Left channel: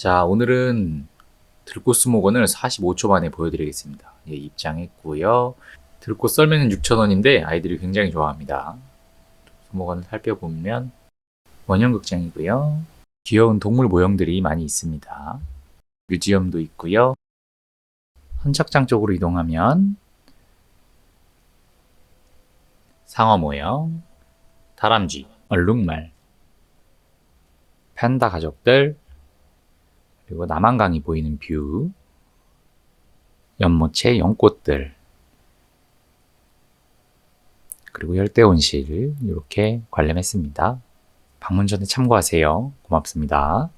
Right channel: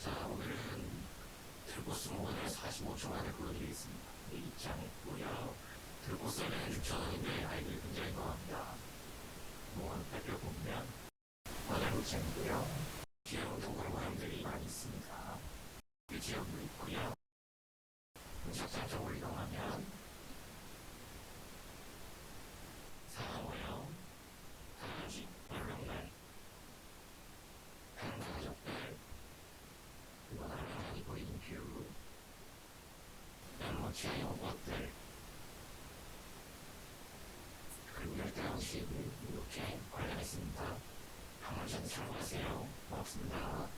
자, 오늘은 들꽃 수목원을 45초 만에 보여드리겠습니다. 예, 입장했고요. 들꽃 썰매는 6,000원인데 아이들이 굉장히 좋아합니다. 수목원 살펴보면 원형극장이고요. 귀여운 동물 모형들이 많이 있습니다. 뮤지엄도 있고요. 선착장 쪽으로 이동하면 상어 모형, 다람쥐, 얼룩말, 판다 가족들, 그리고 남한강이 보이는 뷰, 연못의 연꽃들, 그리고 열대온실 이렇게 관람했습니다. 방문 전에 참고하세요. 고맙습니다.